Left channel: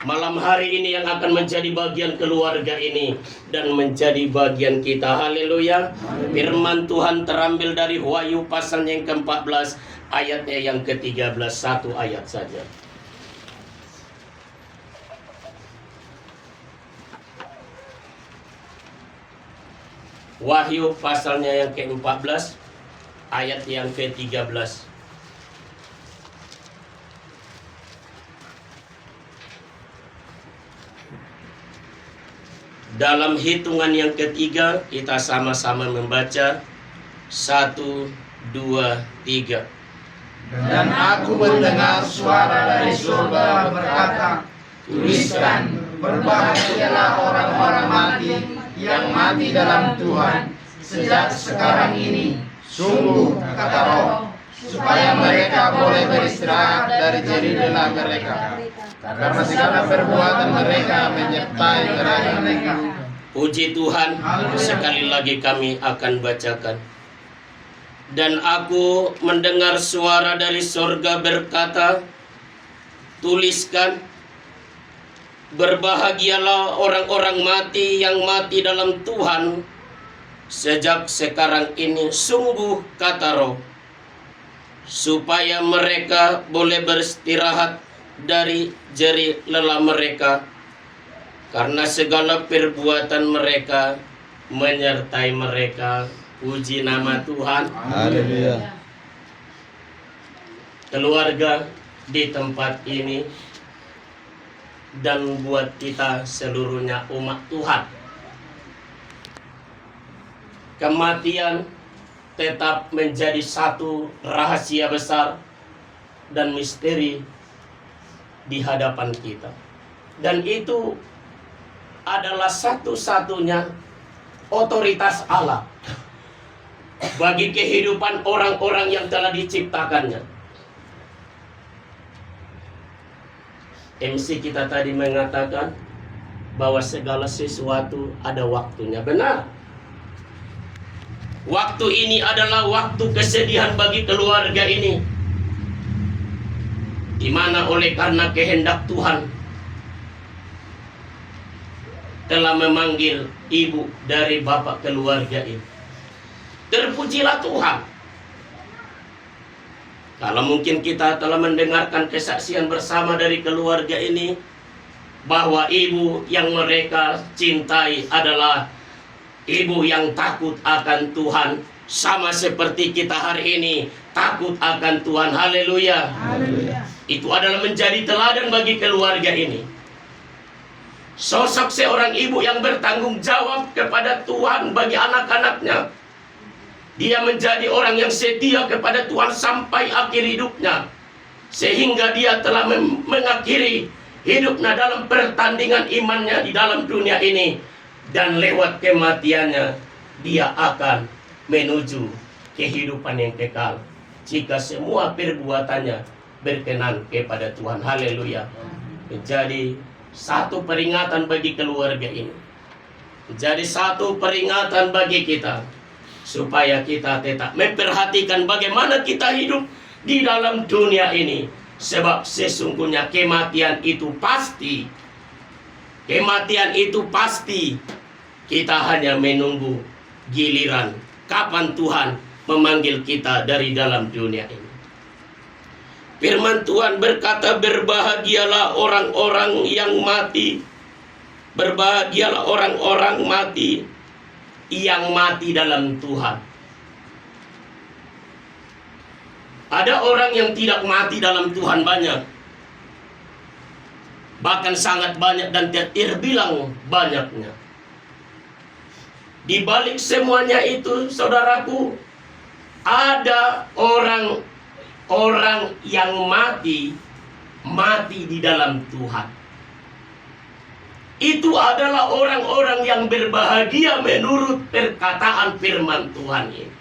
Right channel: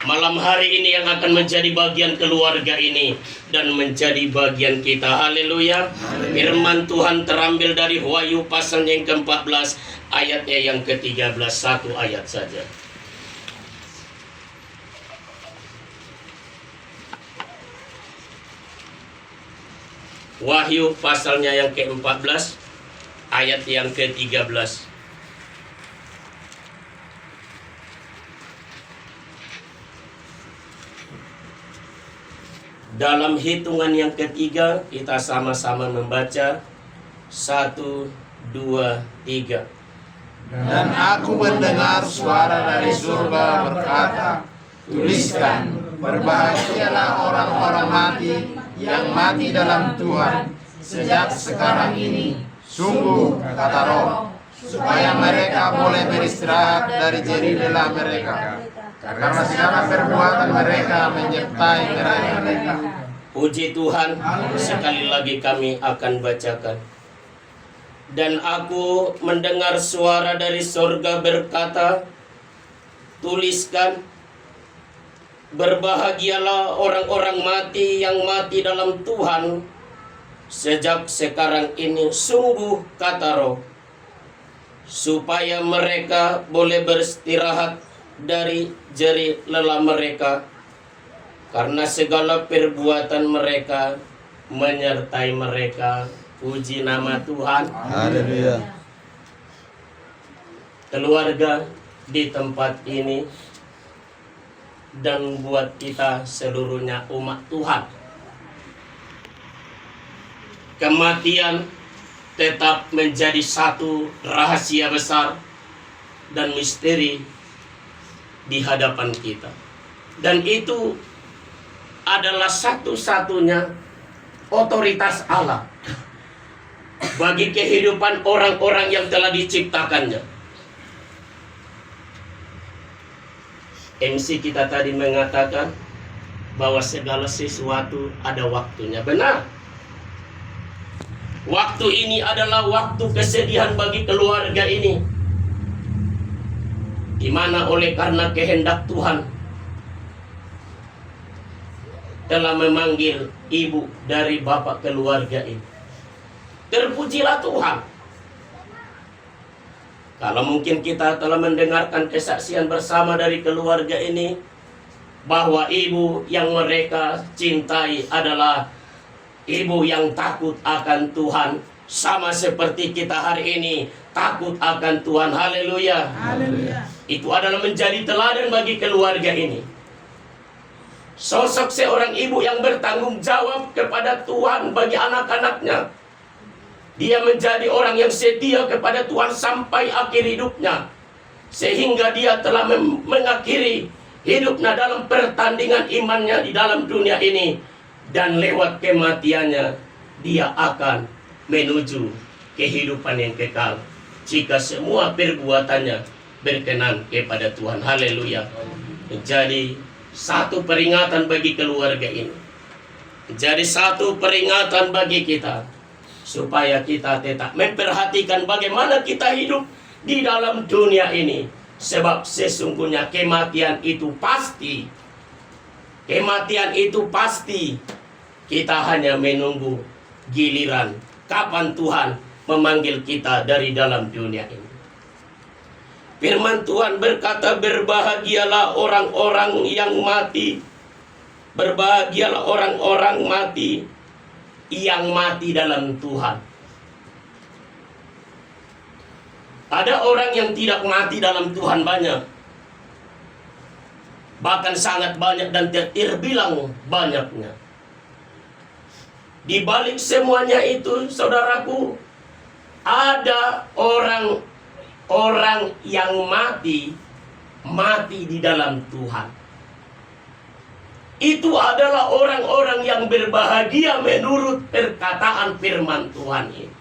malam hari ini yang akan menjadi bagian keluarga ini dan menjadi bagian kita. Haleluya. Firman Tuhan terambil dari Wahyu pasal yang ke-14 ayatnya yang ke-13, satu ayat saja. Wahyu pasalnya yang ke-14 ayat yang ke-13. Dalam hitungan yang ketiga kita sama-sama membaca 1, 2, 3. Dan aku mendengar suara dari surga berkata, tuliskan, berbahagialah orang-orang mati yang mati dalam Tuhan sejak sekarang ini. Sungguh, kata Roh, supaya mereka boleh beristirahat dari jerih lelah mereka, karena segala perbuatan mereka menyertai mereka. Puji Tuhan, sekali lagi kami akan bacakan. Dan aku mendengar suara dari sorga berkata, tuliskan, berbahagialah orang-orang mati yang mati dalam Tuhan sejak sekarang ini. Sungguh, kata Roh, supaya mereka boleh beristirahat dari jerih lelah mereka, karena segala perbuatan mereka menyertai mereka. Puji nama Tuhan. Haleluya. Keluarga di tempat ini dan buat kita seluruhnya umat Tuhan, kematian tetap menjadi satu rahasia besar dan misteri di hadapan kita. Dan itu adalah satu-satunya otoritas Allah bagi kehidupan orang-orang yang telah diciptakannya. MC kita tadi mengatakan bahwa segala sesuatu ada waktunya. Benar. Waktu ini adalah waktu kesedihan bagi keluarga ini, di mana oleh karena kehendak Tuhan telah memanggil ibu dari bapak keluarga ini. Terpujilah Tuhan. Kalau mungkin kita telah mendengarkan kesaksian bersama dari keluarga ini, bahwa ibu yang mereka cintai adalah ibu yang takut akan Tuhan, sama seperti kita hari ini takut akan Tuhan. Haleluya. Haleluya. Itu adalah menjadi teladan bagi keluarga ini. Sosok seorang ibu yang bertanggung jawab kepada Tuhan bagi anak-anaknya. Dia menjadi orang yang setia kepada Tuhan sampai akhir hidupnya, sehingga dia telah mengakhiri hidupnya dalam pertandingan imannya di dalam dunia ini. Dan lewat kematiannya dia akan menuju kehidupan yang kekal jika semua perbuatannya berkenan kepada Tuhan. Haleluya. Menjadi satu peringatan bagi keluarga ini, menjadi satu peringatan bagi kita, supaya kita tetap memperhatikan bagaimana kita hidup di dalam dunia ini. Sebab sesungguhnya kematian itu pasti. Kematian itu pasti. Kita hanya menunggu giliran kapan Tuhan memanggil kita dari dalam dunia ini. Firman Tuhan berkata, berbahagialah orang-orang yang mati. Berbahagialah orang-orang mati yang mati dalam Tuhan. Ada orang yang tidak mati dalam Tuhan banyak, bahkan sangat banyak dan tidak terbilang banyaknya. Di balik semuanya itu, saudaraku, ada orang-orang yang mati di dalam Tuhan. Itu adalah orang-orang yang berbahagia menurut perkataan firman Tuhan ini.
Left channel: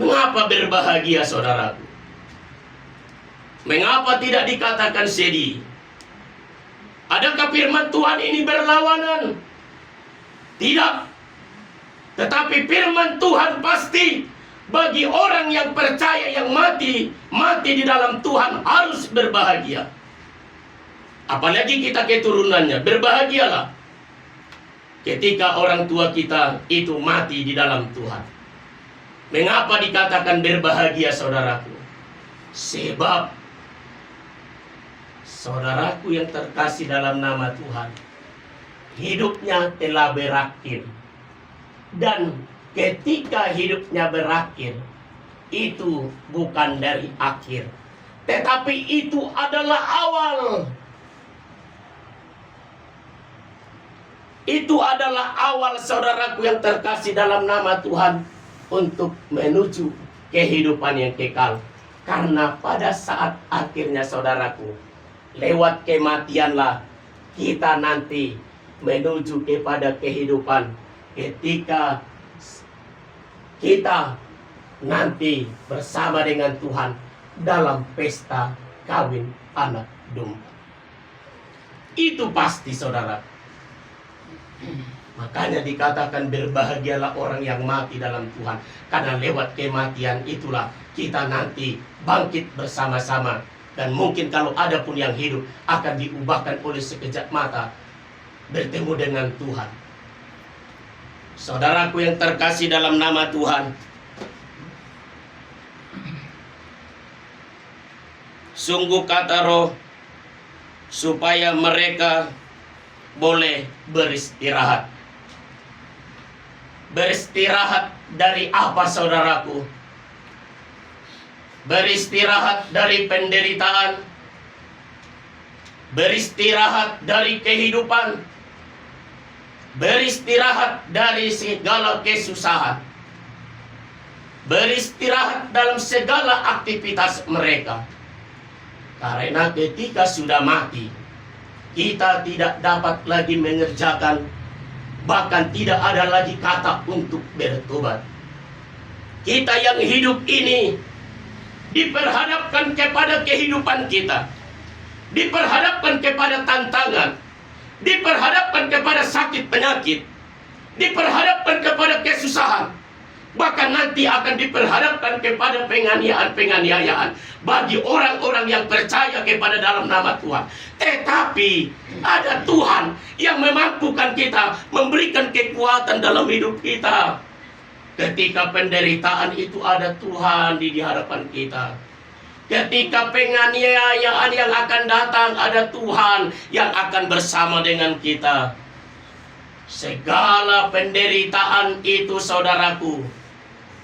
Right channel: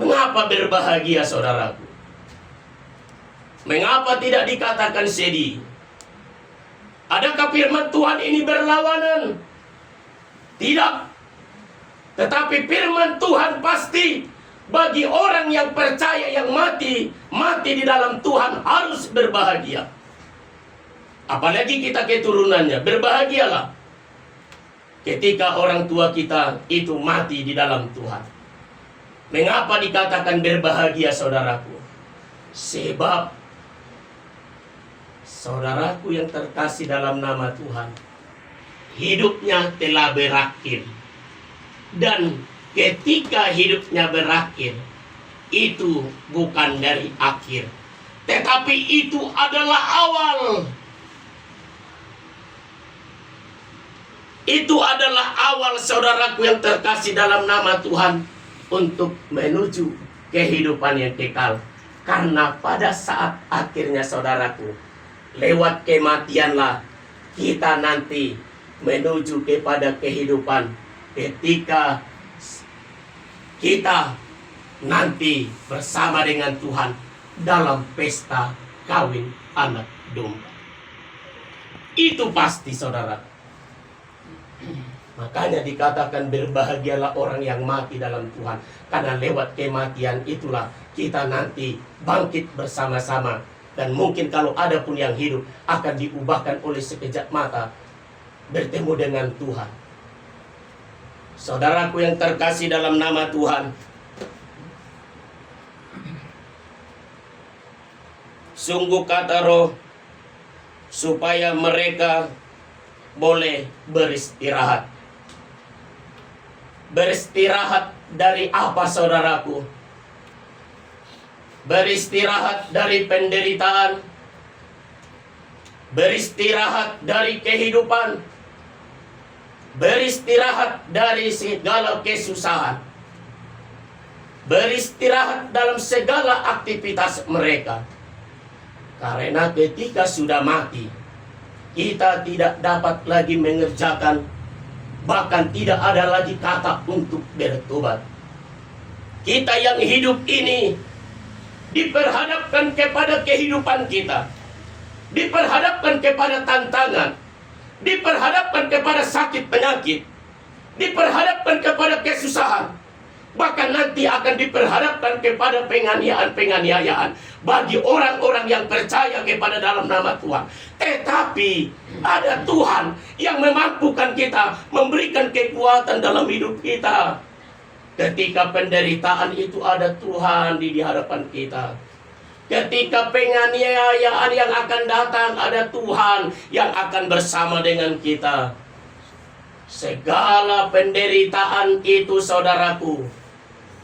Mengapa berbahagia, saudaraku? Mengapa tidak dikatakan sedih? Adakah firman Tuhan ini berlawanan? Tidak. Tetapi firman Tuhan pasti bagi orang yang percaya, yang mati di dalam Tuhan harus berbahagia. apalagi kita keturunannya, berbahagialah ketika orang tua kita itu mati di dalam Tuhan. Mengapa dikatakan berbahagia, saudaraku? Sebab saudaraku yang terkasih dalam nama Tuhan, hidupnya telah berakhir. Dan ketika hidupnya berakhir, itu bukan dari akhir, tetapi itu adalah awal. Itu adalah awal, saudaraku yang terkasih dalam nama Tuhan, untuk menuju kehidupan yang kekal. Karena pada saat akhirnya, saudaraku, lewat kematianlah kita nanti menuju kepada kehidupan, ketika kita nanti bersama dengan Tuhan dalam pesta kawin anak domba. Itu pasti, saudara. Makanya dikatakan berbahagialah orang yang mati dalam Tuhan, karena lewat kematian itulah kita nanti bangkit bersama-sama. Dan mungkin kalau ada pun yang hidup akan diubahkan oleh sekejap mata bertemu dengan Tuhan. Saudaraku yang terkasih dalam nama Tuhan, sungguh kata Roh, supaya mereka boleh beristirahat. Beristirahat dari apa, saudaraku? Beristirahat dari penderitaan, beristirahat dari kehidupan, beristirahat dari segala kesusahan, beristirahat dalam segala aktivitas mereka. Karena ketika sudah mati, kita tidak dapat lagi mengerjakan, bahkan tidak ada lagi kata untuk bertobat. Kita yang hidup ini diperhadapkan kepada kehidupan kita, diperhadapkan kepada tantangan, diperhadapkan kepada sakit penyakit, diperhadapkan kepada kesusahan, bahkan nanti akan diperhadapkan kepada penganiayaan bagi orang-orang yang percaya kepada dalam nama Tuhan. Tetapi ada Tuhan yang memampukan kita, memberikan kekuatan dalam hidup kita. Ketika penderitaan itu ada Tuhan di hadapan kita. Ketika penganiayaan yang akan datang, ada Tuhan yang akan bersama dengan kita. Segala penderitaan itu, saudaraku,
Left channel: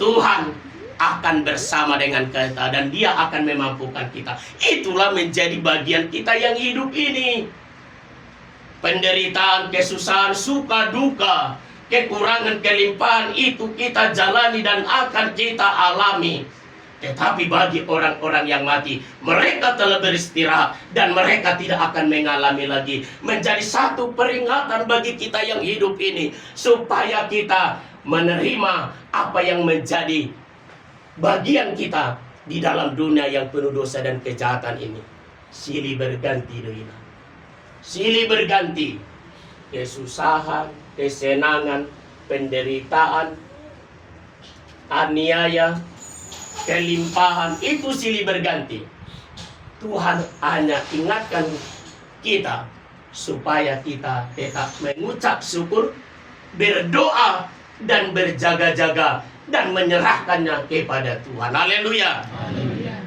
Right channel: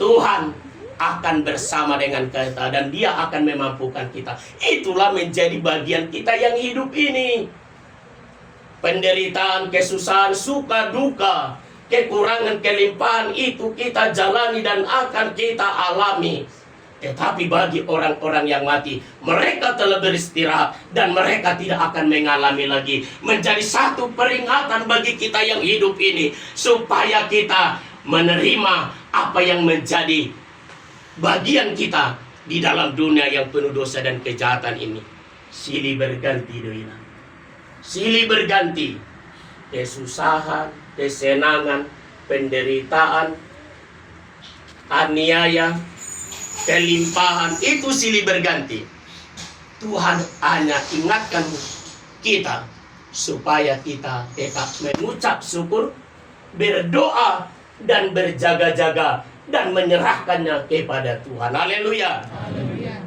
Tuhan akan bersama dengan kita dan Dia akan memampukan kita. Itulah menjadi bagian kita yang hidup ini. Penderitaan, kesusahan, suka, duka, kekurangan, kelimpahan itu kita jalani dan akan kita alami. Tetapi bagi orang-orang yang mati, mereka telah beristirahat dan mereka tidak akan mengalami lagi. Menjadi satu peringatan bagi kita yang hidup ini, supaya kita menerima apa yang menjadi bagian kita di dalam dunia yang penuh dosa dan kejahatan ini. Silih berganti doina. Silih berganti. Kesusahan, kesenangan, penderitaan, aniaya, kelimpahan, itu silih berganti. Tuhan hanya ingatkan kita supaya kita tetap mengucap syukur, berdoa, dan berjaga-jaga, dan menyerahkannya kepada Tuhan. Haleluya.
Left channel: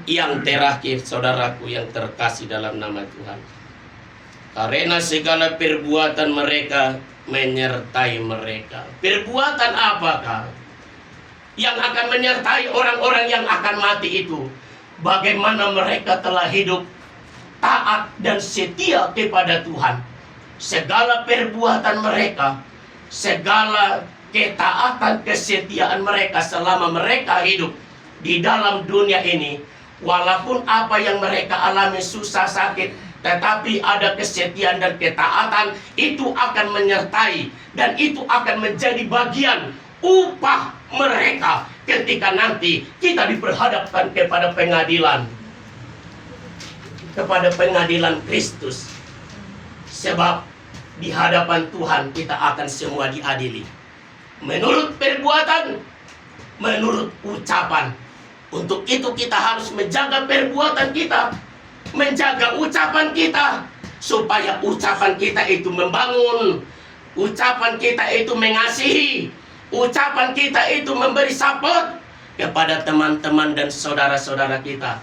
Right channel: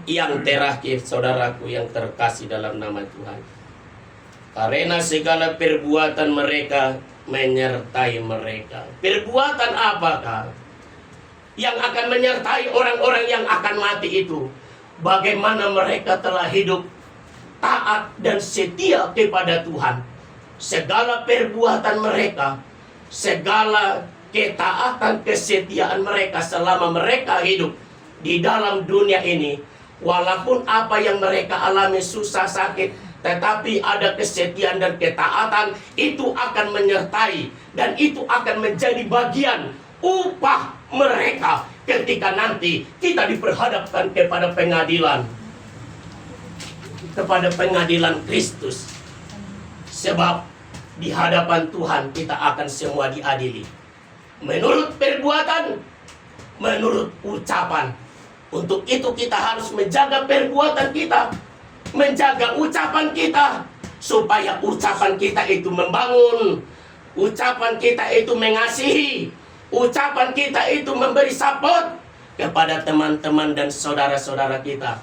Yang terakhir, saudaraku yang terkasih dalam nama Tuhan, karena segala perbuatan mereka menyertai mereka. Perbuatan apakah yang akan menyertai orang-orang yang akan mati itu? Bagaimana mereka telah hidup taat dan setia kepada Tuhan. Segala perbuatan mereka, segala ketaatan, kesetiaan mereka selama mereka hidup di dalam dunia ini, walaupun apa yang mereka alami susah, sakit, tetapi ada kesetiaan dan ketaatan, itu akan menyertai dan itu akan menjadi bagian upah mereka ketika nanti kita diperhadapkan kepada pengadilan, kepada pengadilan Kristus. Sebab di hadapan Tuhan kita akan semua diadili menurut perbuatan, menurut ucapan. Untuk itu kita harus menjaga perbuatan kita, menjaga ucapan kita, supaya ucapan kita itu membangun, ucapan kita itu mengasihi, ucapan kita itu memberi support kepada teman-teman dan saudara-saudara kita.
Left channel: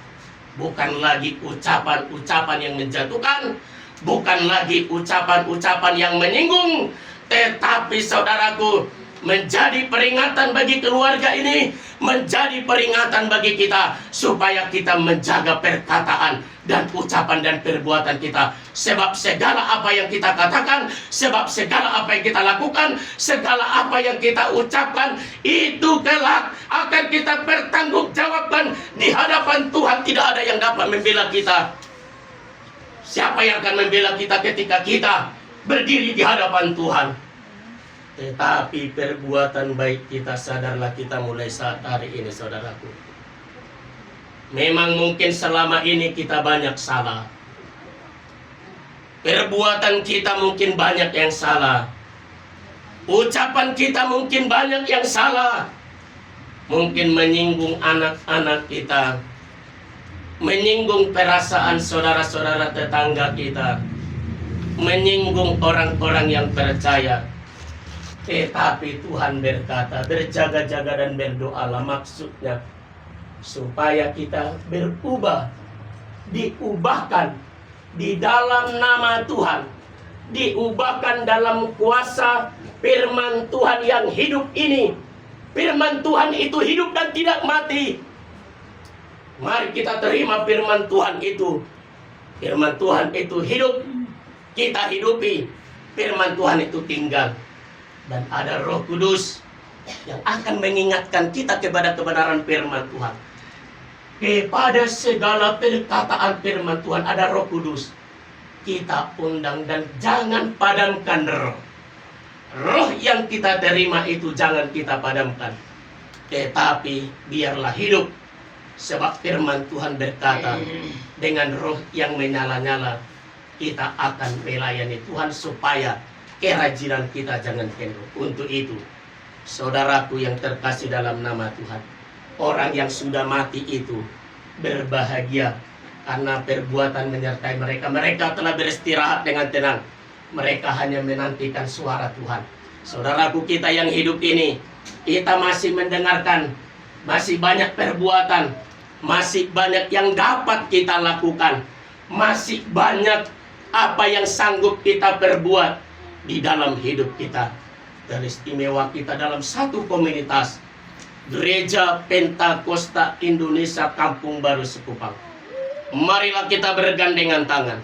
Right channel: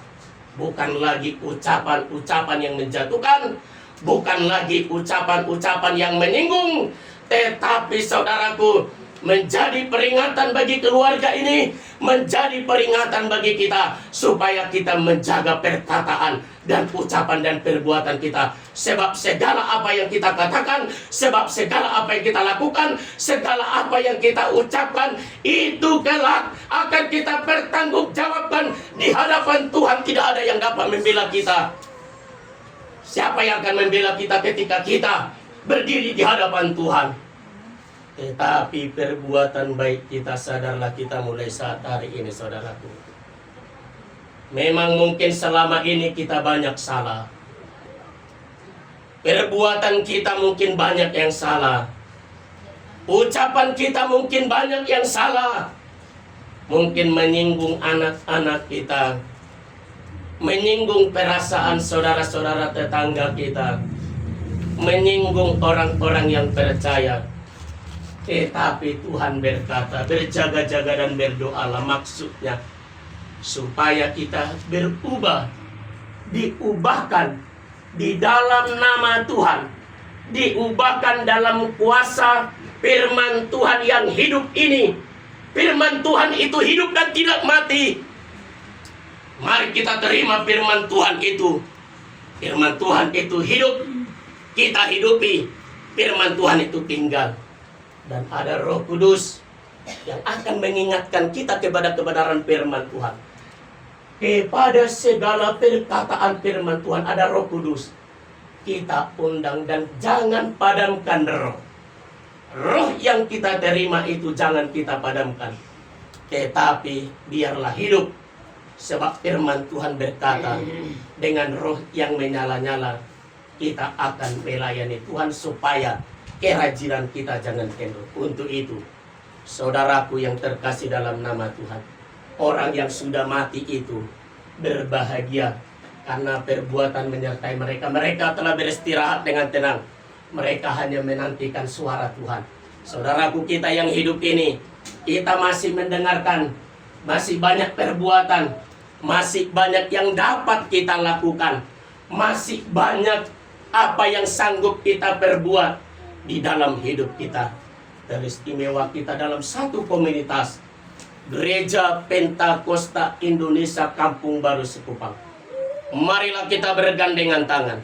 Bukan lagi ucapan-ucapan yang menjatuhkan, bukan lagi ucapan-ucapan yang menyinggung, tetapi saudaraku, menjadi peringatan bagi keluarga ini, menjadi peringatan bagi kita, supaya kita menjaga perkataan dan ucapan dan perbuatan kita. Sebab segala apa yang kita katakan, sebab segala apa yang kita lakukan, segala apa yang kita ucapkan, itu kelak akan kita pertanggungjawabkan di hadapan Tuhan. Tidak ada yang dapat membela kita. Siapa yang akan membela kita ketika kita berdiri di hadapan Tuhan? Tetapi perbuatan baik kita, sadarlah kita mulai saat hari ini, saudaraku. Memang mungkin selama ini kita banyak salah. Perbuatan kita mungkin banyak yang salah. Ucapan kita mungkin banyak yang salah. Mungkin menyinggung anak-anak kita, menyinggung perasaan saudara-saudara tetangga kita, menyinggung orang-orang yang percaya. Tetapi Tuhan berkata, berjaga-jaga dan berdoalah, maksudnya supaya kita berubah, diubahkan di dalam nama Tuhan, diubahkan dalam kuasa firman Tuhan yang hidup ini. Firman Tuhan itu hidup dan tidak mati. Mari kita terima firman Tuhan itu. Firman Tuhan itu hidup, kita hidupi. Firman Tuhan itu tinggal. Dan ada Roh Kudus yang akan mengingatkan kita kepada kebenaran firman Tuhan. Kepada segala perkataan firman Tuhan ada Roh Kudus. Kita undang dan jangan padamkan roh. Roh yang kita terima itu jangan kita padamkan. Tetapi biarlah hidup. Sebab firman Tuhan berkata, dengan roh yang menyala-nyala, kita akan melayani Tuhan supaya kerajinan kita jangan kendor. Untuk itu, saudaraku yang terkasih dalam nama Tuhan, orang yang sudah mati itu berbahagia karena perbuatan menyertai mereka. Mereka telah beristirahat dengan tenang. Mereka hanya menantikan suara Tuhan. Saudaraku kita yang hidup ini, kita masih mendengarkan, masih banyak perbuatan, masih banyak yang dapat kita lakukan, masih banyak apa yang sanggup kita perbuat di dalam hidup kita. Teristimewa kita dalam satu komunitas Gereja Pentakosta Indonesia Kampung Baru Sekupang. Marilah kita bergandengan tangan.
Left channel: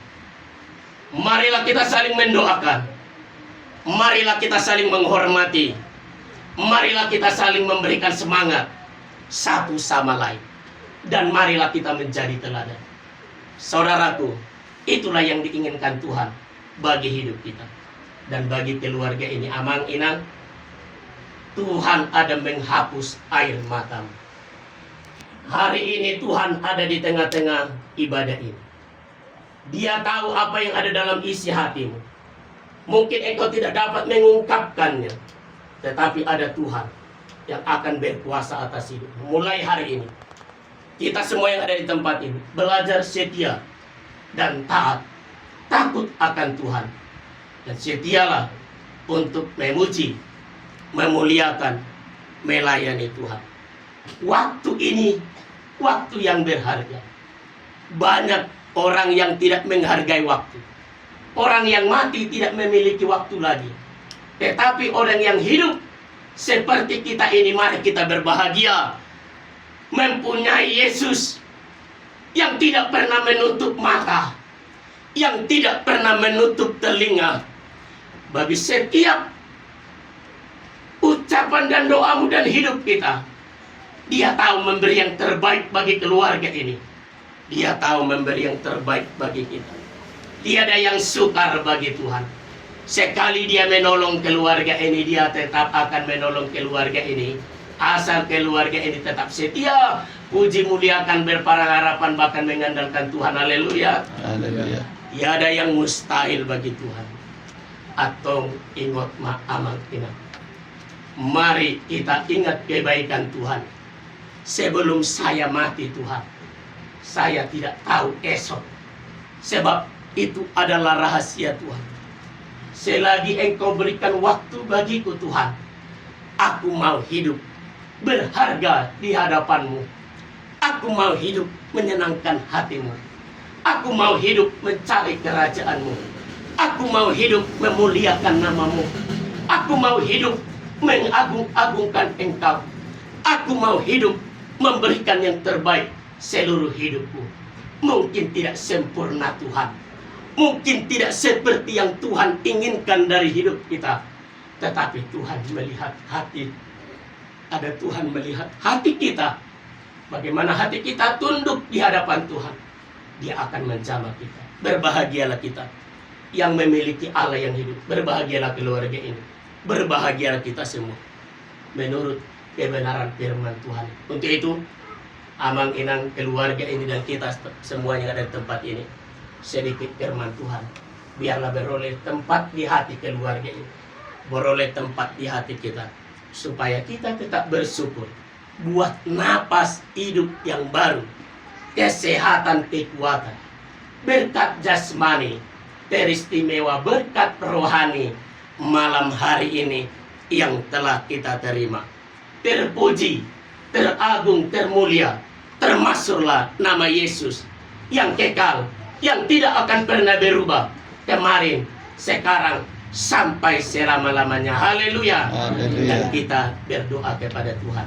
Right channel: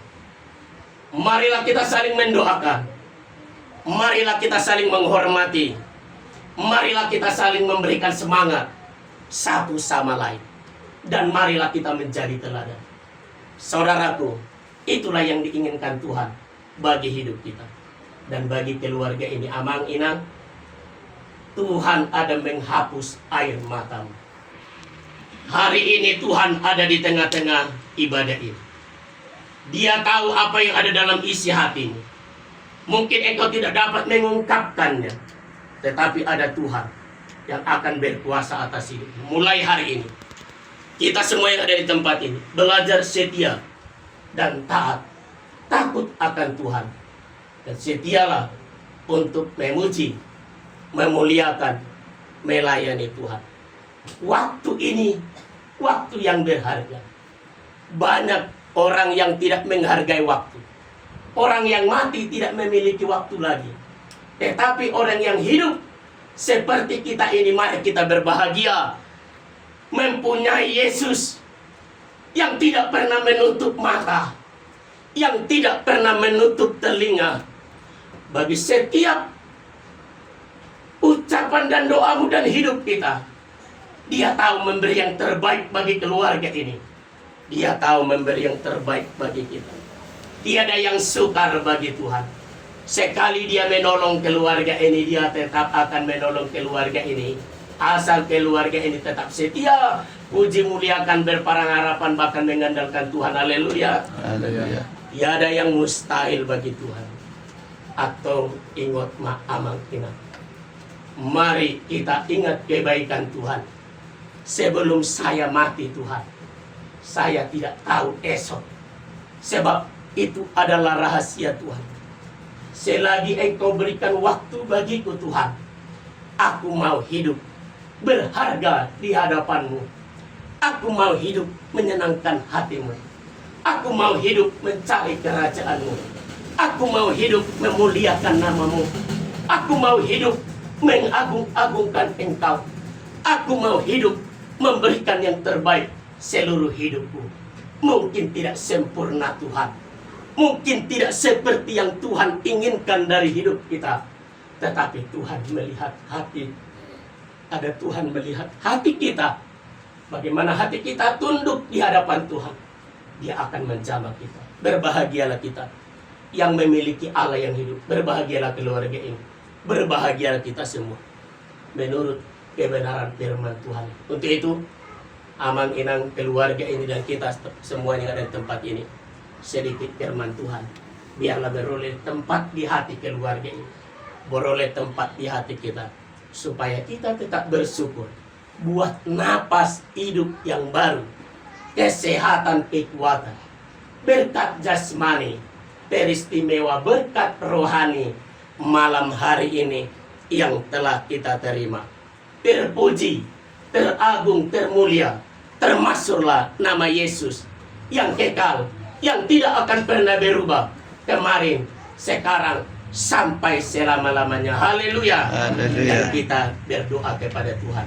Marilah kita saling mendoakan. Marilah kita saling menghormati. Marilah kita saling memberikan semangat satu sama lain. Dan marilah kita menjadi teladan. Saudaraku, itulah yang diinginkan Tuhan bagi hidup kita. Dan bagi keluarga ini, Amang Inang, Tuhan ada menghapus air matamu. Hari ini Tuhan ada di tengah-tengah ibadah ini. Dia tahu apa yang ada dalam isi hatimu. Mungkin engkau tidak dapat mengungkapkannya, tetapi ada Tuhan yang akan berkuasa atas hidupmu. Mulai hari ini, kita semua yang ada di tempat ini belajar setia dan taat, takut akan Tuhan. Dan setialah untuk memuji, memuliakan, melayani Tuhan. Waktu ini, waktu yang berharga. Banyak orang yang tidak menghargai waktu. Orang yang mati tidak memiliki waktu lagi. Tetapi orang yang hidup seperti kita ini, mari kita berbahagia. Mempunyai Yesus yang tidak pernah menutup mata, yang tidak pernah menutup telinga. Bagi setiap ucapan dan doamu dan hidup kita, Dia tahu memberi yang terbaik bagi keluarga ini. Dia tahu memberi yang terbaik bagi kita. Tiada yang sukar bagi Tuhan. Sekali Dia menolong keluarga ini, Dia tetap akan menolong keluarga ini. Asal keluarga ini tetap setia, puji muliakan, berparang harapan, bahkan mengandalkan Tuhan. Haleluya. Haleluya. Tiada yang mustahil bagi Tuhan. Atau ingat Amang Inang. Mari kita ingat kebaikan Tuhan. Sebelum saya mati Tuhan, saya tidak tahu esok. Sebab Itu adalah rahasia Tuhan. Selagi engkau berikan waktu bagiku Tuhan, aku mau hidup berharga di hadapanmu. Aku mau hidup menyenangkan hatimu. Aku mau hidup mencari kerajaanmu. Aku mau hidup memuliakan namamu. Aku mau hidup mengagung-agungkan engkau. Aku mau hidup memberikan yang terbaik seluruh hidupku. Mungkin tidak sempurna Tuhan, mungkin tidak seperti yang Tuhan inginkan dari hidup kita, tetapi Tuhan melihat hati. Ada Tuhan melihat hati kita. Bagaimana hati kita tunduk di hadapan Tuhan, Dia akan menjamah kita. Berbahagialah kita yang memiliki Allah yang hidup. Berbahagialah keluarga ini. Berbahagialah kita semua menurut kebenaran firman Tuhan. Untuk itu, amang inang keluarga ini dan kita semuanya yang ada di tempat ini, sedikit firman Tuhan biarlah beroleh tempat di hati keluarga ini, beroleh tempat di hati kita, supaya kita tetap bersyukur buat napas hidup yang baru, kesehatan, kekuatan, berkat jasmani, teristimewa berkat rohani malam hari ini yang telah kita terima. Terpuji, teragung, termulia, termasuklah nama Yesus yang kekal, yang tidak akan pernah berubah, kemarin, sekarang, sampai selama-lamanya. Haleluya. Haleluya. Dan kita berdoa kepada Tuhan.